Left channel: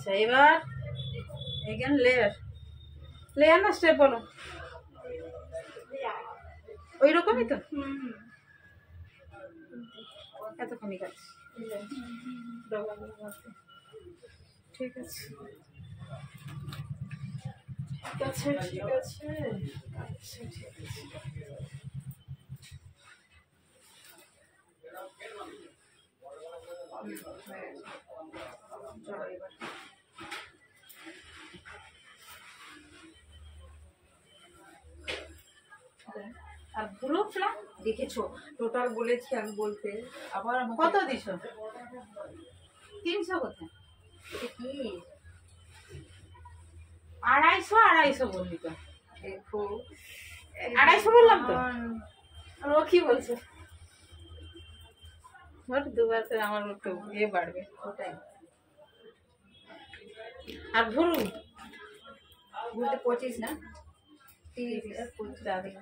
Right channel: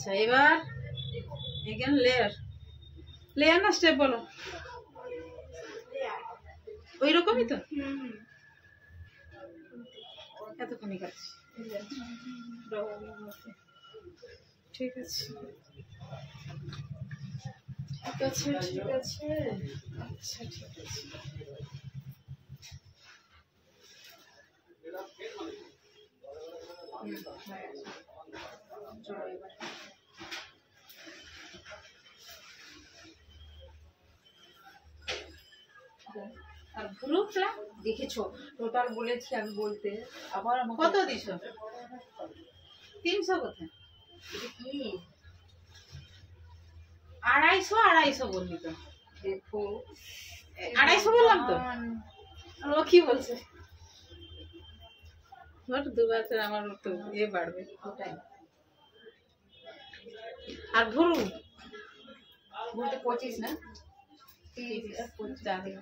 আচ্ছা এবার এখানে লেয়ার লেয়ার না স্টেপ বলো ওই রকমই তো এতক্ষণই কাজ ঠিক আছে ঠিক আছে ঠিক আছে আচ্ছা ঠিক আছে চলো এবার আর ভুরু ফ্লা দেখেছো টোটাল বলেছি আমি বলতে আবার আমাকে কত দিছো 300 কোথায় এটা কি 250 বললি তো দেখো 250 বললাম তো আর ও কি বলছে বট দুবার তো আমার তো বাড়বে ওটাই আর ভুরু বলতে 25 না 30 যাবে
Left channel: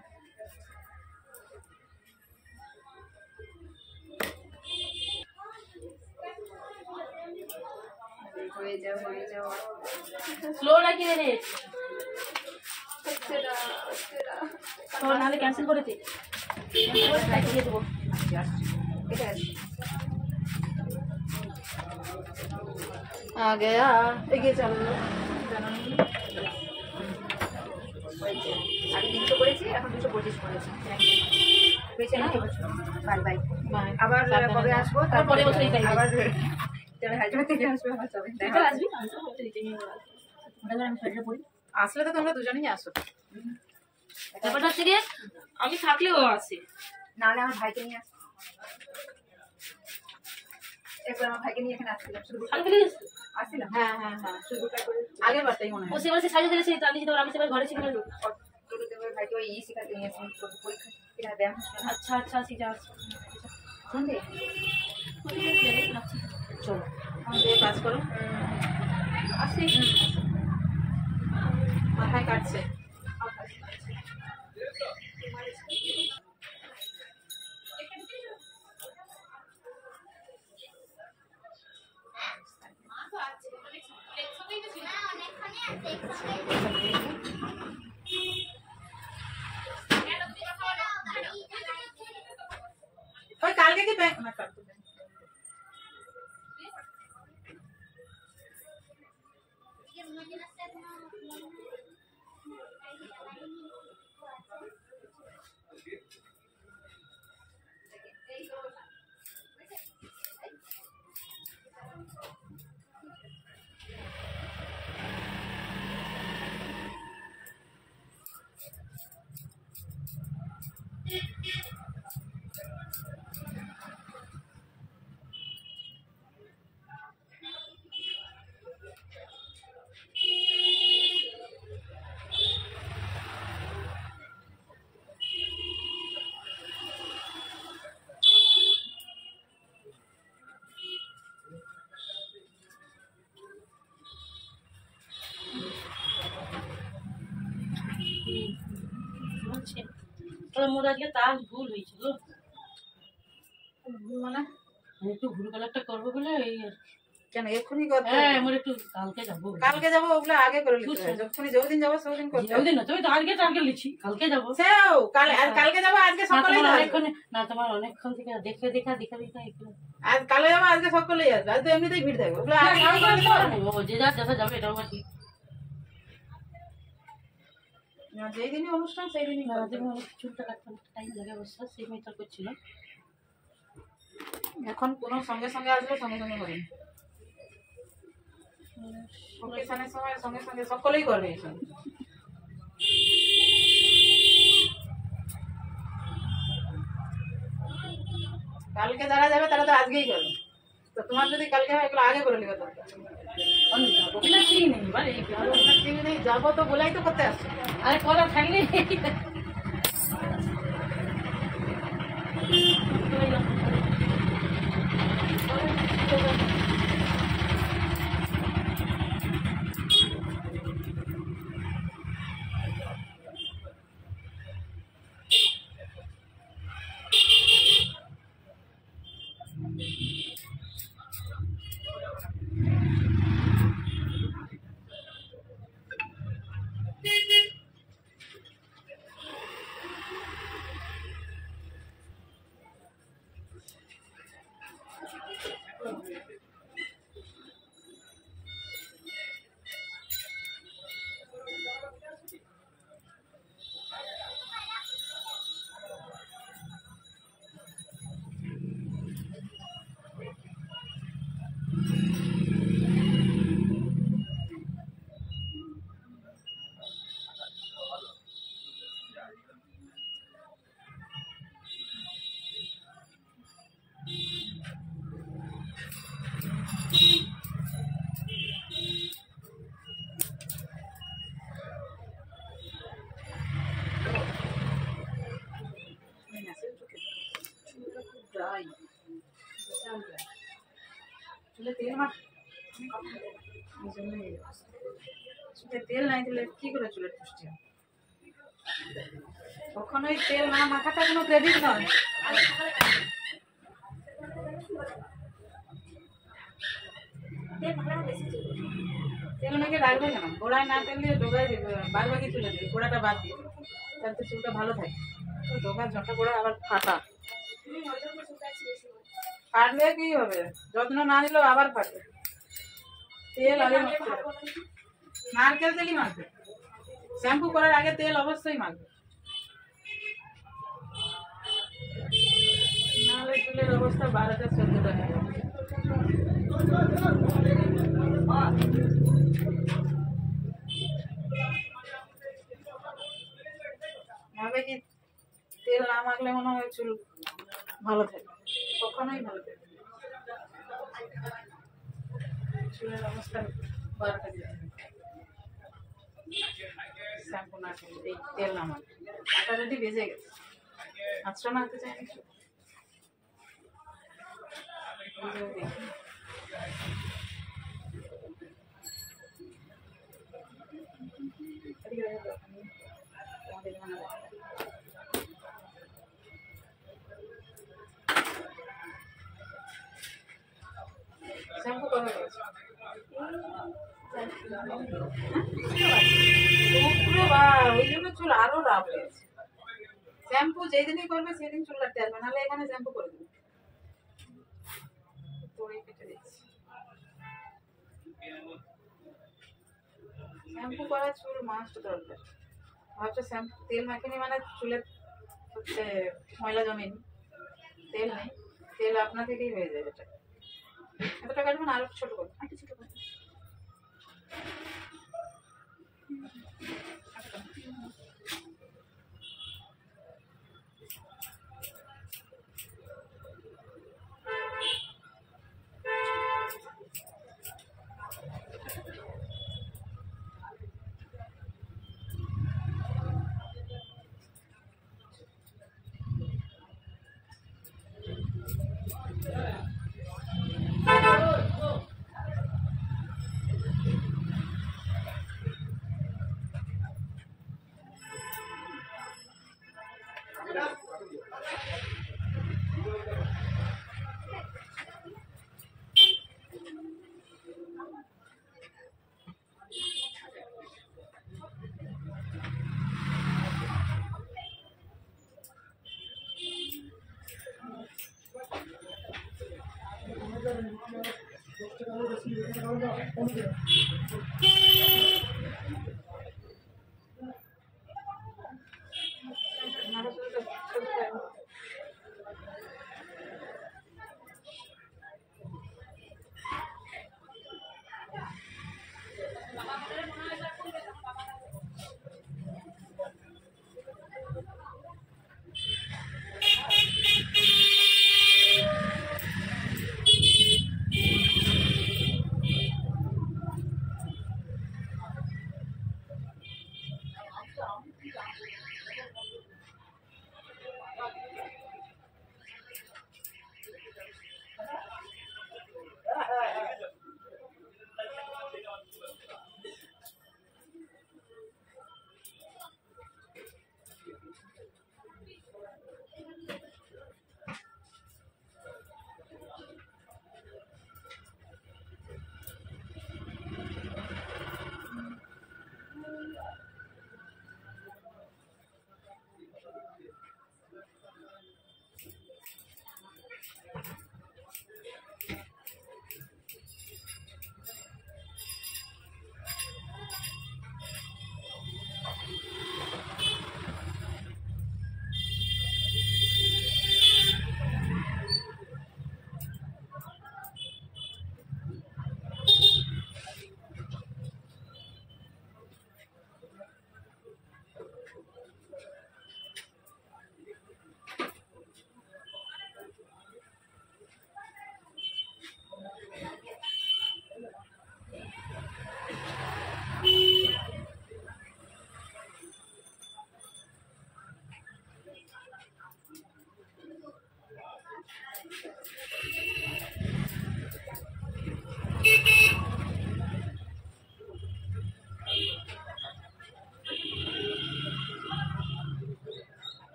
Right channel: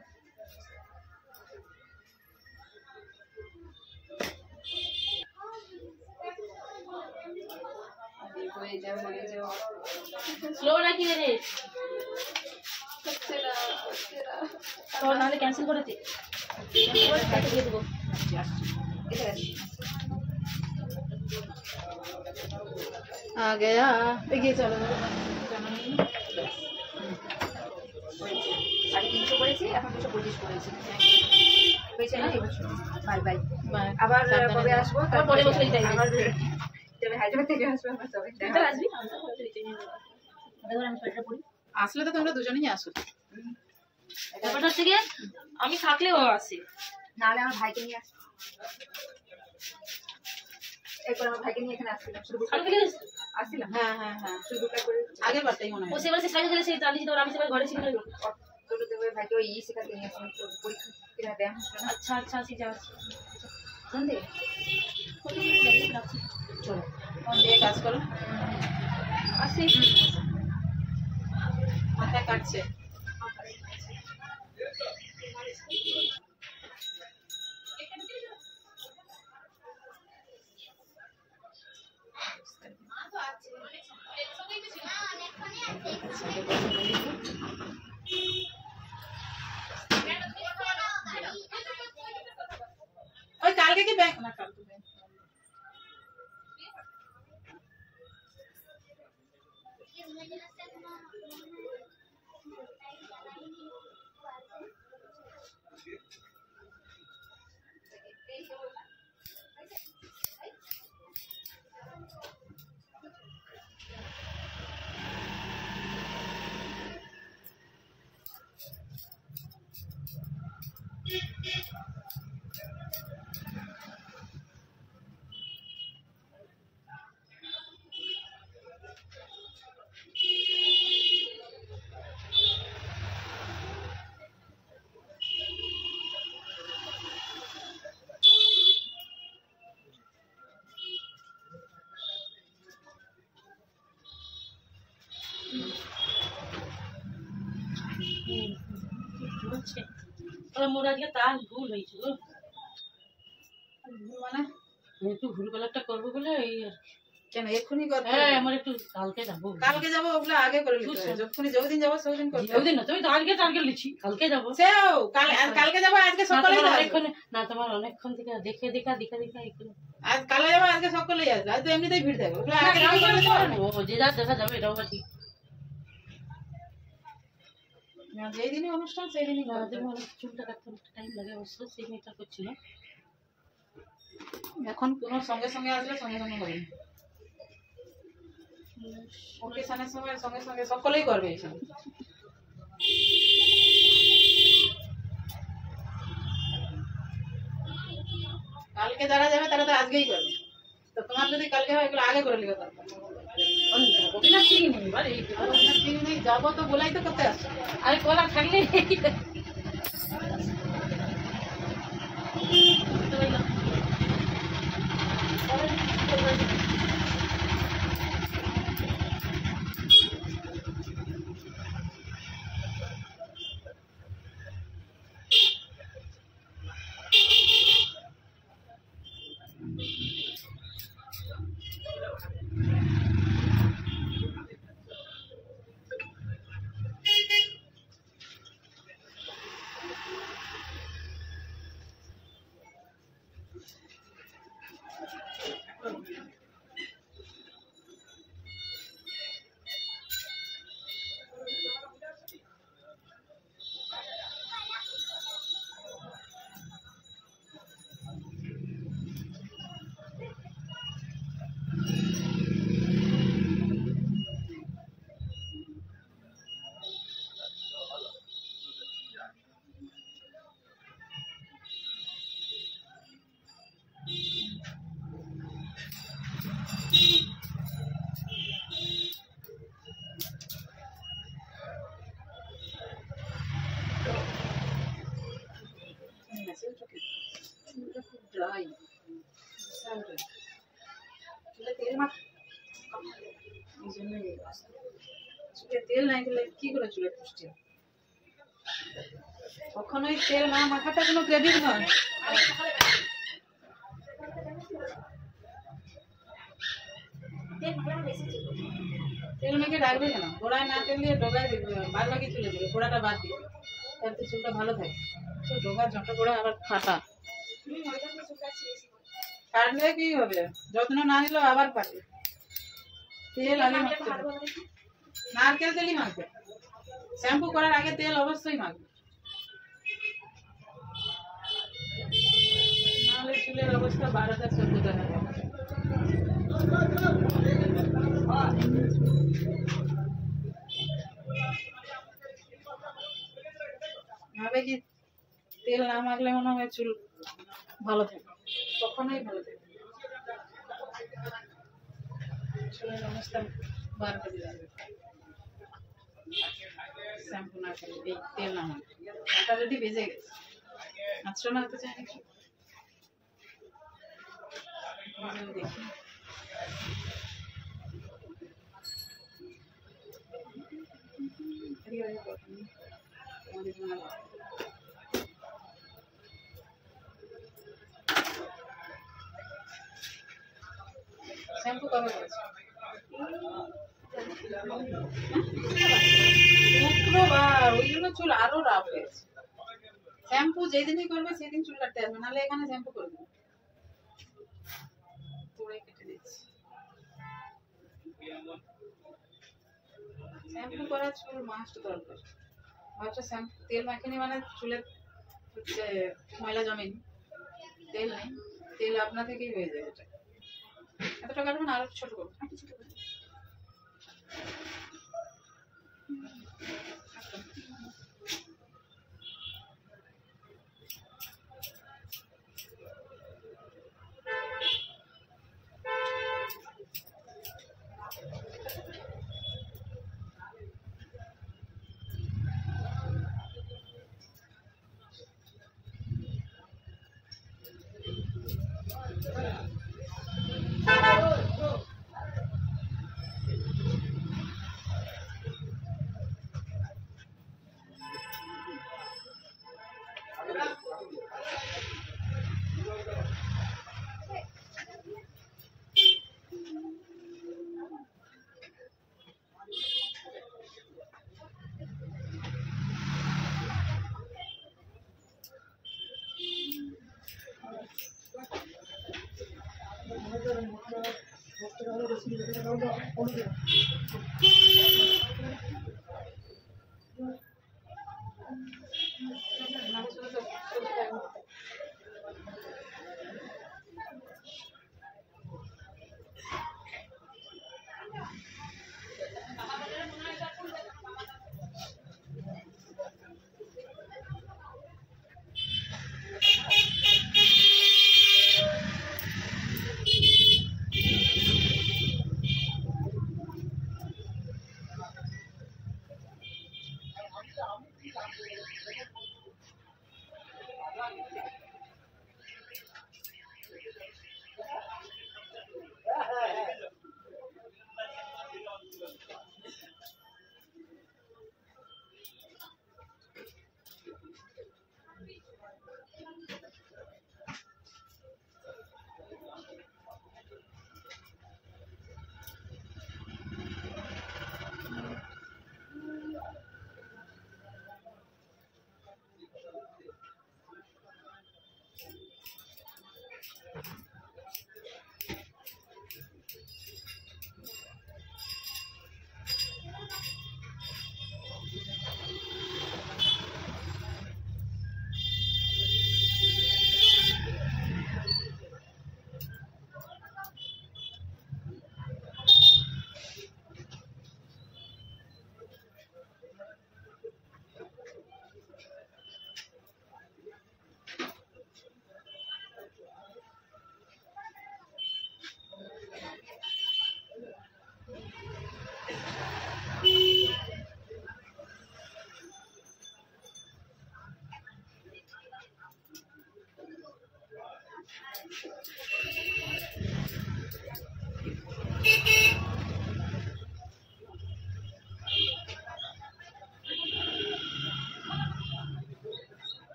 হয়ে যাও স্লো নাকি রে তো নালে ক্যান্সেল করে দে তাকে দিয়ে দেবো এটা আছে आ गया এগিয়ে চলো আগে 300 করেছি এখন 225 করেছি পেছে না বাই বাই বাই আবার কবে আসবো পরের বছরই তাই আবার তবে হায়দ্রাবাদ থেকে আসবো আমার সবাই তুই আসবি আমি তো দিতে নিয়ে আসবো ওটা আমি সোয়েটার পরি আসলে তো তোমরা দুজনেই আসো ব্যাপারটা হচ্ছে গিয়ে আমি থাকলেও আসি নাহলে আমার ভাইকে নিয়ে আসবো একবার আমার ভাইকে নিয়ে এখানে আসছিলাম শুধু আসছিলাম হ্যাঁ হ্যাঁ হ্যাঁ শুধু করে আগের বারটাই মনে ও হয় সেবার সে সাইডে দিলে সেই টালি আমি সেবার ঘরে ছিল ছোটতে ওই ভাইকে ওই শেখাতে নিয়ে আসলাম পরীক্ষা এটা ব্যায়াম হচ্ছে না আচ্ছা আচ্ছা ঠিক আছে সন্ধে রাখছি চলো দিয়ে কাজ করো আসি মাথায় কাটছে ওই কালকে কি ব্যাংক না কালকে ব্যাংক মোর আজকে তার ভুল হয়েছিল মানে একটু ভুল কালারটা করবো বলে এই কেন এক্ষুনি করতে হ্যাঁ আমার একটু কালকে যাবো ওগুলো আগে করে নিতে হবে যখন যতদিন যাবো সেদিন করতে হবে ওই দিন না তুমি তো আজকে টার্গেট লিখছি কালকে যাবো সেও কাল আর কালকে যাবো আজকে সকালেই যাবো অনেকক্ষণ না তোমার অনেকক্ষণ থেকে দেখে আজ কালে যাবো আজকে সকালেই আসবে আজ তো এমনিতেই ভিড় থাকবে ওগুলো আগে আগে করে নিতে হবে ও যে যা দেখা যাবে এটাও ঠিক না যেই দিনই অনুষ্ঠান সেই দিনই করতে তুমি হবে। অনেক চুলটা কাটতে টাইম লাগে অবশ্য সেই মেয়েটা করছিল এখন কোনো সঙ্গে সঙ্গে আসলে সঙ্গে সঙ্গে হবে ওকেশনের সময় সঙ্গে সঙ্গে সকলেই করবে এসব কালকে যারা যাবে তারা তো আজকেই করবে তো তোমার যদি কালকে হয় এগুলো আগে করে নেবে দরকার ওটা ঠিক নেই বলে চিনি নেই যাবো তো বলাই তো করতে আসছে আরে কোলা থাকলে চুলে তেল মাখ, এই জন্যই এই অবস্থা। চুলে তেল নাই দিলে কি করে চুলের পুষ্টি হবে? কখনোই তেল না মাখাটা কোনো ক্রেডিট নয়। তেল মাখলে আমার বেশি চুল ওঠে। তেল মেখে রাখবে কেন? গোড়ায় না তেল দিয়ে ডোগায় দেবে, বাদ বাকি চুলে দেবে, গোড়াটা বাদ দিয়ে, তাহলে তো চুলটা ভালো থাকে। তো ডোগার জটা করে আবার ফাটা, ওইটা পুরো চুল কাটছি বেশি করে। ফাটলে কি হবে? যত্ন না নিলেও আবার ফাটে। তেল আগে মাখতে হবে। ভালো দেখি। নারকেল তেলই মাখবে, শ্যাম্পু করার আগে তেল অবশ্যই মাখবে, নাহলে চুলের অবস্থা 12টা 14টা হয়ে যাবে। ভাবে কি তেল না মাখলে মনে হয় চুল ভালো থাকে, কখনোই ভালো থাকে। চুলের অবস্থা 12টা দিয়ে যাবে শ্যাম্পু না করলে, এই তেল না মাখলে। আটা রেডি বেজে গেছে, আঁচড়া না হতে চায় কিছু। দেখি শ্যাম্পু কবে করেছে? শুক্রবার, ওই জন্য চুল আরো রাফ হয়েছে। শ্যাম্পু যেদিনই করবে সেদিন চুল কাটতে আসবে, নাহলে এখানে শ্যাম্পু করে দেবে। তোড়ে কেটে দিচ্ছি। শ্যাম্পু করা চুল মাস্ট দরকার। ভাবছো শ্যাম্পু তেল মাখিনি মানে চুলে হচ্ছে ময়লা জমেনি, তেল নেই, তেল আপনা থেকেই হয়ে যায়। এটা এতটা কাটবো না, আরো ছোট করবো। একটু ছোট করে।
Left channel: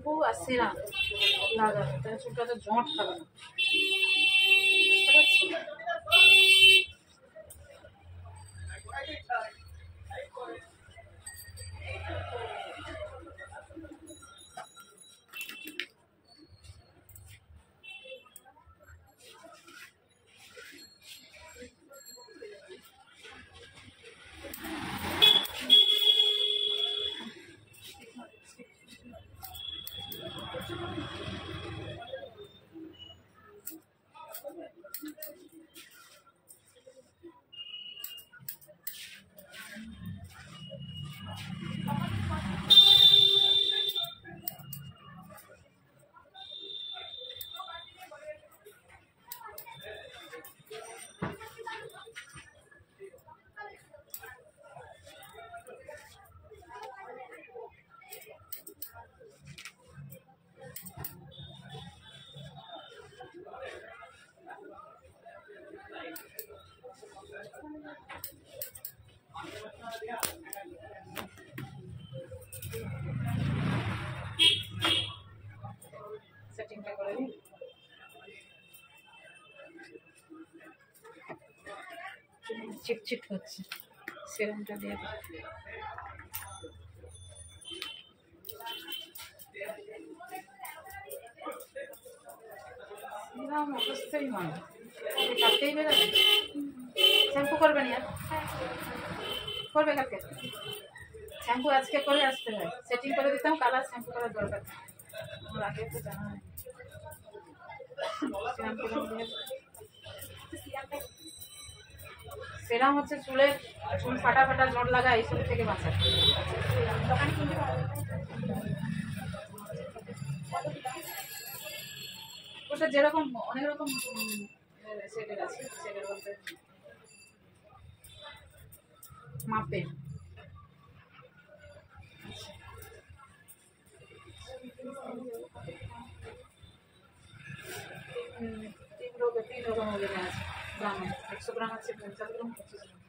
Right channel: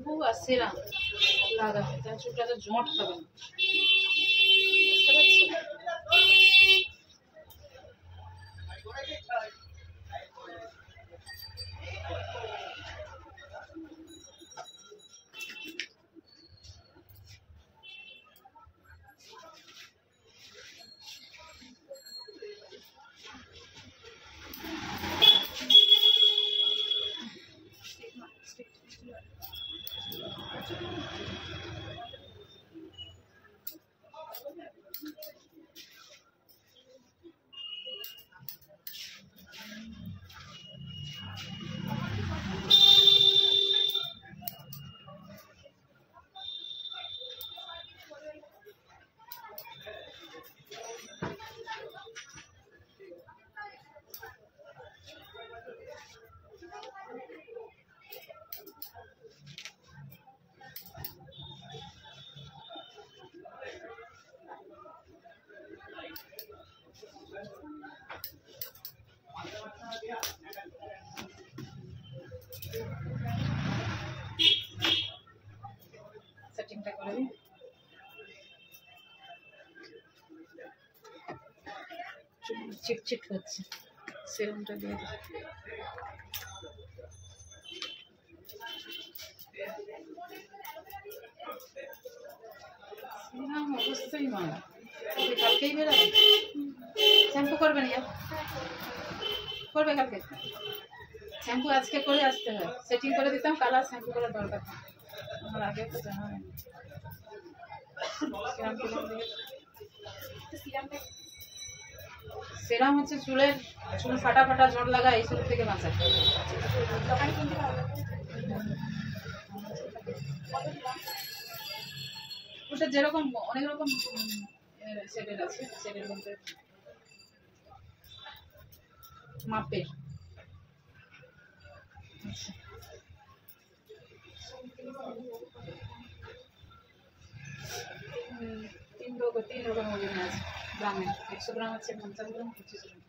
শ্যাম্পু আর সিরাম লাগাবে, তাহলে চুলটা তো জট খাবে না। বুঝতে পারছো? সেটিংটা করে দিই। চিটচিট হচ্ছে, সেরামটা দিয়ে দিই। সেরাম অবস্থাই নয়, কালকেই বেরোবে। শ্যাম্পু করবে না? করবে কালকে? শ্যাম্পু আজকে করে আসতে হয়, সেটিং করে দিতাম, কালার শ্যাম্পু করার দরকার নেই। আমার আগে তো জানা হয়নি। সেরাম হচ্ছে চুল ফাটা ফাটা, জট লাগা, এইসব থেকে বাঁচায়। ওটা যেরকম অনেক রকম সেটের আছে, সেটের মধ্যে মাপের। আচ্ছা, 3 রকম ওজনে আছে গ্রামে। 100 গ্রাম আছে, 50 গ্রাম, 25 গ্রাম।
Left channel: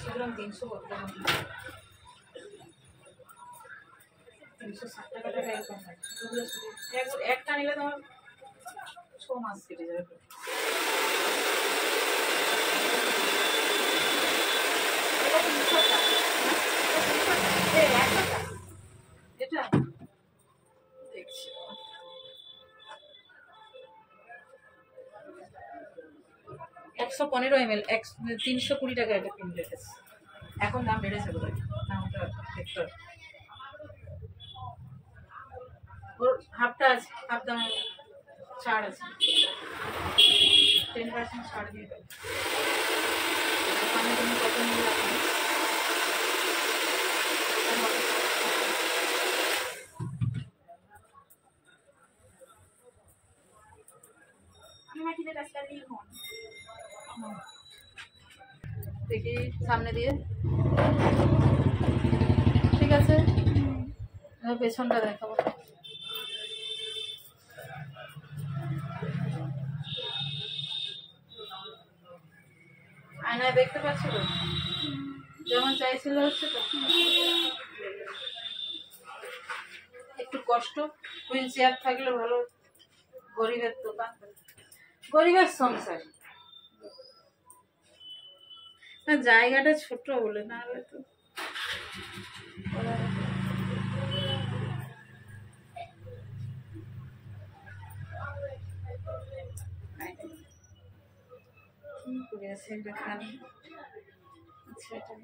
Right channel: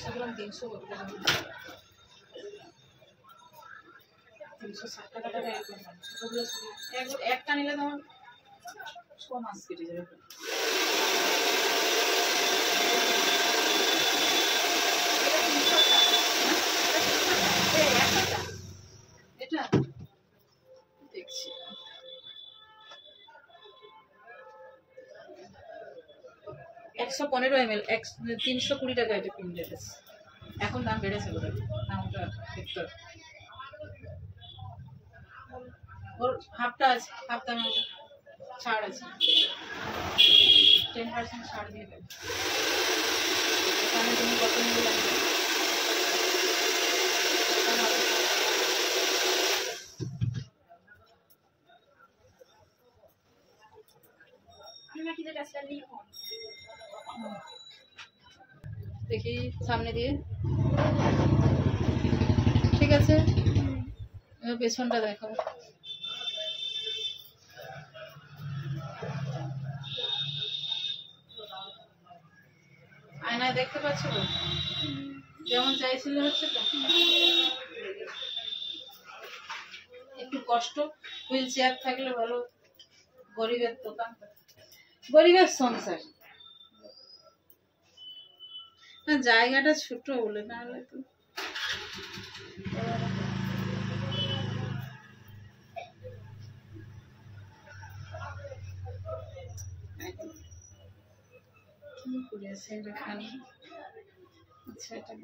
100 গ্রাম 300 গ্রাম 360 টাকা এরকম হয়। ছোটগুলো একটা নিলে তোমার 6 মাস কেটে যাবে। এটা দেখছি 115 ml, 320 টাকা এটা কিনতে গেছে। এখন দাম বেড়েছে বোধহয়, দামটা দেখতে হবে। ওর হাফটা আছে, হাফ দাম ছাড় আছে, 10% ছাড় দিয়ে দেবে। দোকানে তুমি কত নিয়ে রাখবে? দেখি সামনে দিয়ে, ঠিক আছে। এবার পেছনটা দেখাবো। আয়নায় দেখতে পাচ্ছ তো যেমন চাইছিল, হচ্ছে তো। একটু কষ্ট, হুইল চেয়ার থাকলে ভালো। গরিবের দোকান, গরিবের সংসার। না, জায়গাটা ছোট বলে, না হলে তো কি করে আছে এটা খানি। আচ্ছা, এটা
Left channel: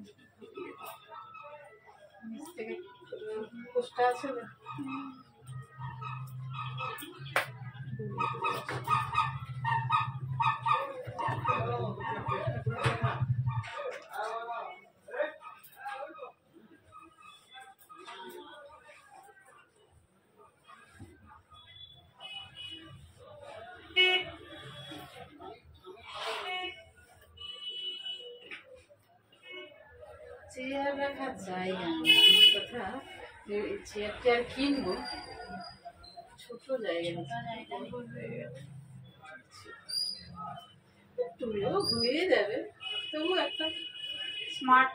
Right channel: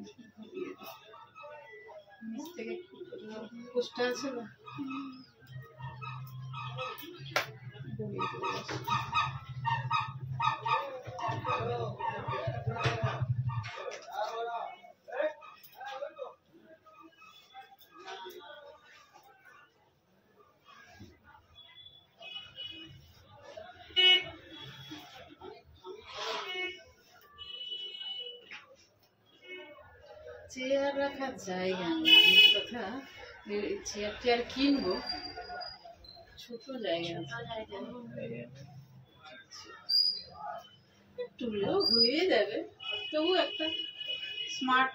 নিচ থেকে পোস্টটা আছে না, চেয়ার রাখার জায়গা নেই। কথা, চেয়ারটি আর কিনবো, ছোট জায়গা টুলেও হয়ে যাবে, তবু একটা স্মার্ট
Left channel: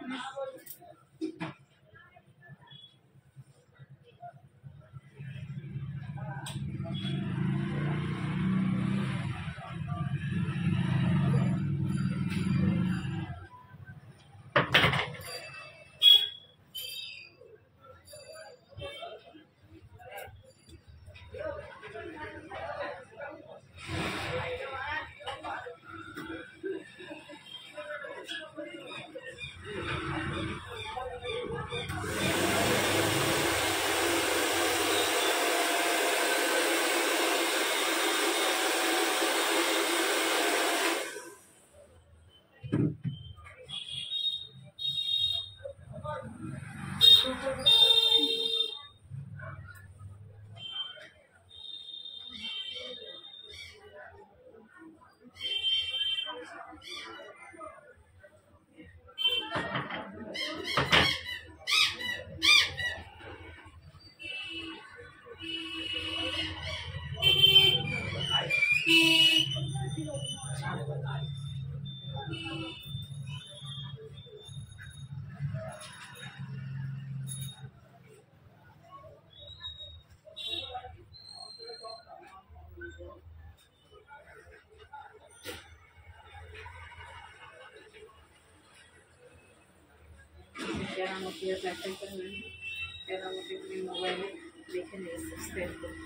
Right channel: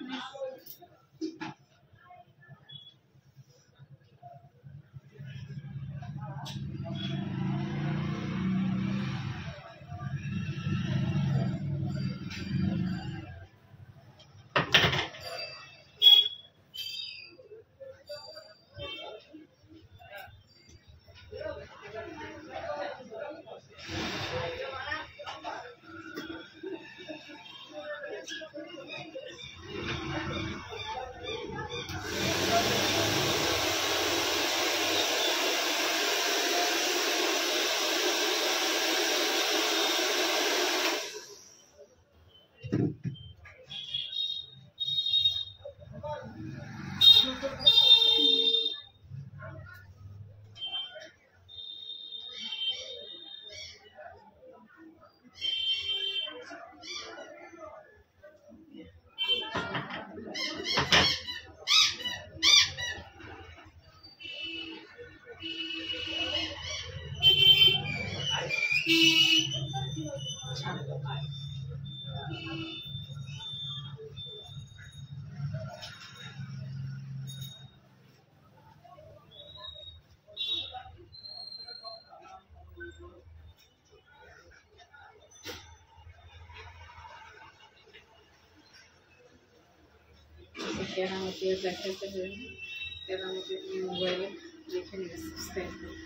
কেরামতি দেখাইতে হবে, কেরামতি তুমি মোবাইলে দেখে নিয়ে সাবস্ক্রাইব করো।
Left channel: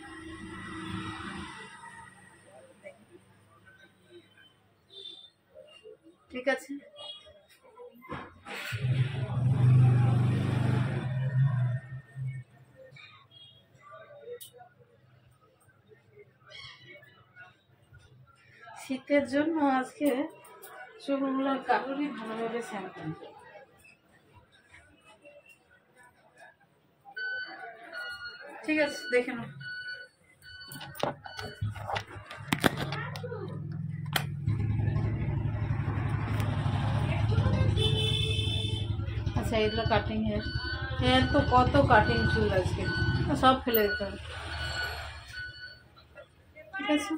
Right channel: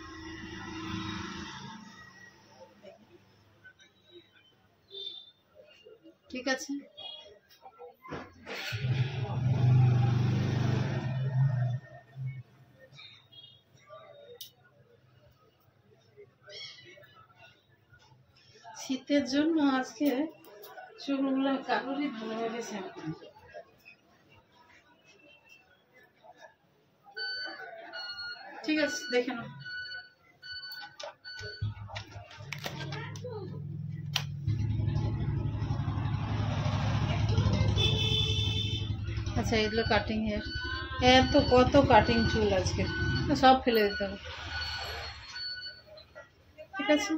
ঠিক আছে, শীতের জন্য আজকে চুলগুলো কারোরই ভালোভাবে শ্যাম্পু ঠিক আছে, দেখে নাও। আচ্ছা, এগুলো কাটিং হেয়ার তো কত কাটিং চুল আজকে, সব ফেলে দিতে হবে। ঠিক আছে।